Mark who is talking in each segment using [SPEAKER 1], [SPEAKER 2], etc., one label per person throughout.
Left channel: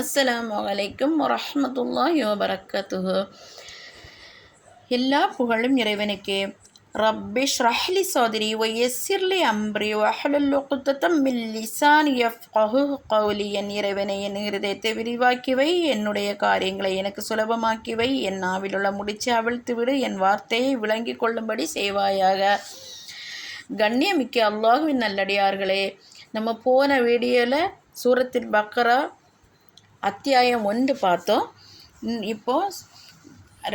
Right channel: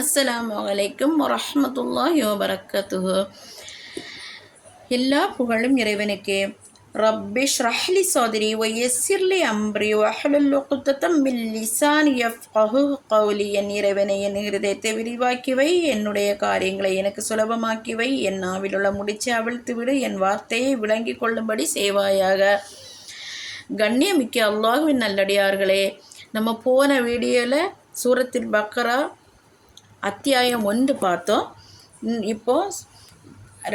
[SPEAKER 1] அஸ்ஸலாமு வலைக்கம் வரமத்துல்லாஹி வபரக்கத்துஹு. எல்லா புகழும் இறைவனுக்கே. ரப்பிஷ் ரஹ்லி சோதரி ஒய்யசிர்லி அம்ரி வஹலுல் உக்தத்தம் மில் லிசான் கௌலி. என் இறைவனை என் ஹிருதயத்தை விரிவாக்கி வை என்னுடைய காரியங்களை எனக்கு சுலபமாக்கி வை. என் நாவிலுள்ள முடிச்சு அவிழ்த்து விடு என் வார்த்தையை விளங்கி கொள்ளும்படி செய்வாயாக. கண்ணியமிக்க அல்லாஹுவின் நல்லடியார்களே நம்ம போன வீடியோவில் சூரத்தில் பக்கரா அத்தியாயம் ஒன்று பார்த்தோம். ம், இப்போ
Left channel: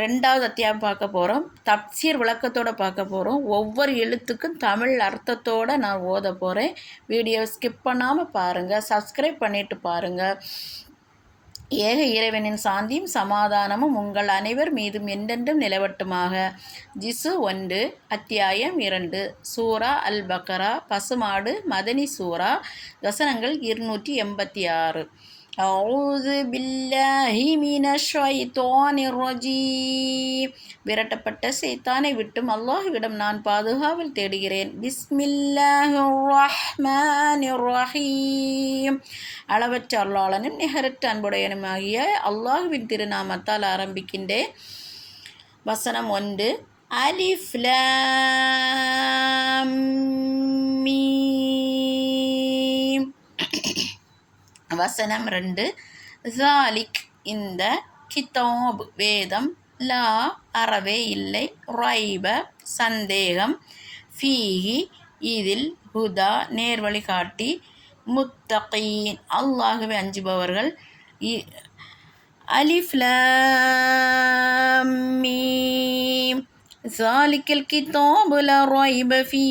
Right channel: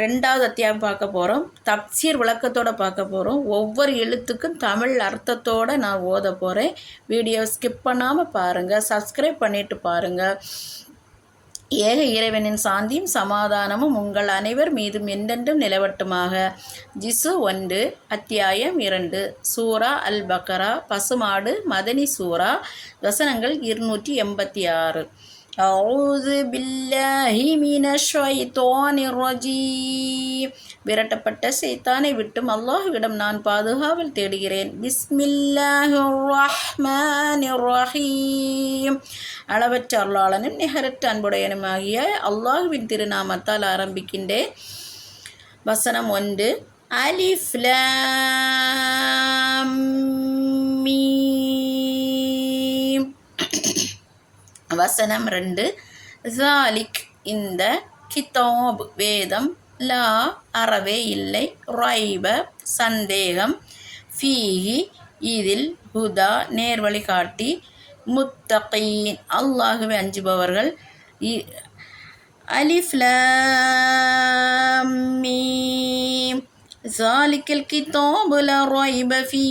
[SPEAKER 1] ரெண்டாவது அத்தியாயம் பார்க்க போகிறோம் தப்சீர் விளக்கத்தோட பார்க்க போகிறோம் ஒவ்வொரு எழுத்துக்கும் தமிழ் அர்த்தத்தோடு நான் ஓத போகிறேன் வீடியோ ஸ்கிப் பண்ணாமல் பாருங்கள் சப்ஸ்கிரைப் பண்ணிட்டு பாருங்கள் ஏக இறைவனின் சாந்தியும் சமாதானமும் உங்கள் அனைவர் மீதும் என்றென்றும் நிலவட்டுமாக. ஜிசு ஒன்று அத்தியாயம் இரண்டு. சூரா அல் பக்கரா பசுமாடு மதனி சூரா வசனங்கள் இருநூற்றி எண்பத்தி ஆறு. விரட்டப்பட்ட சைத்தானை விட்டும் அல்லாஹுவிடம் நான் பாதுகாவல் தேடுகிறேன். அளவற்ற அருளாளனும் நிகரற்ற அன்புடையனுமாகிய அல்லாஹுவின் திருநாமத்தால் ஆரம்பிக்கின்றேன். வசனம் ஒன்று. அலிஃப்லா வசனம் ரெண்டு. ஜாலிக் இந்த கிதாப் வேதம் லா அறவே இல்லை. ரைப சந்தேகம். ஃபீஹி இதில் ஹுதா நேர்வழி காட்டி. முத்தகீன் அல்லாஹுவை அஞ்சுபவர்கள். அலிஃப்லீம் ஜாலிக்கில் கிதாபுல ரைப ஃபீ.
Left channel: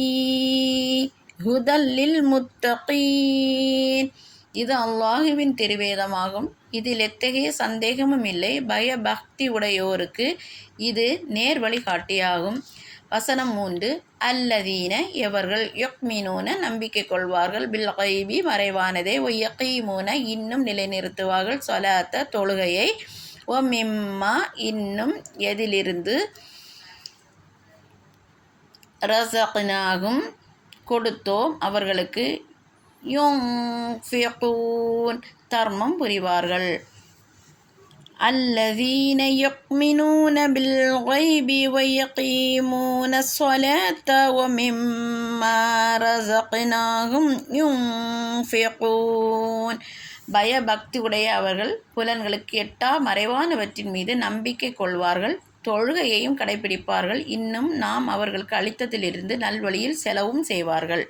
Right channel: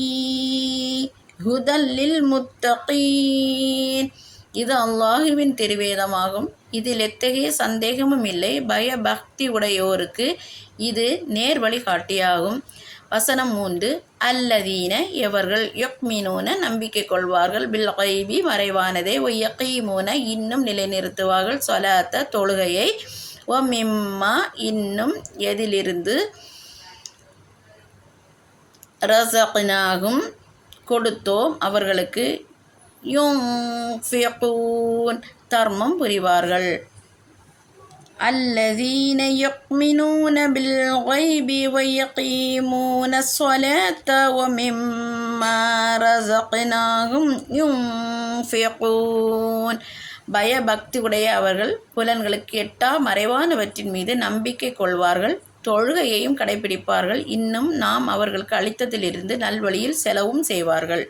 [SPEAKER 1] ஹுதல்லில் முத்தகீன். இது அல்லாஹுவின் திருவேதமாகும். இதில் எத்தகைய சந்தேகமும் இல்லை. பயபக்தி உடையோருக்கு இது நேர் வழிகாட்டியாகும். வசனம் மூன்று அல்லதீன எவர்கள் யொக்மீனூன நம்பிக்கை கொள்வார்கள். பில் கைபி மறைவானதே. ஒய்யக்கீமூன இன்னும் நிலைநிறுத்துவார்கள். சொலாத்த தொழுகையை ஓ மிம்மா இன்னும் எதிலிருந்து ரசகனாகும். கொடுத்தோம் அவர்களுக்கு யுன்ஃபிகூன் தர்மம் புரிவார்கள். الذين يؤمنون بالغيب ويقيمون الصلاة ومما رزقناهم ينفقون பயபக்தி உடைய அவர்கள் புலன்களுக்கு எட்டா மறைவானவற்றின் மீது நம்பிக்கை கொள்வார்கள். தொழுகையையும் கடைபிடிப்பார்கள். இன்னும் நாம் அவர்களுக்கு அளித்ததிலிருந்து நல்வழியில் செலவும் செய்வார்கள்.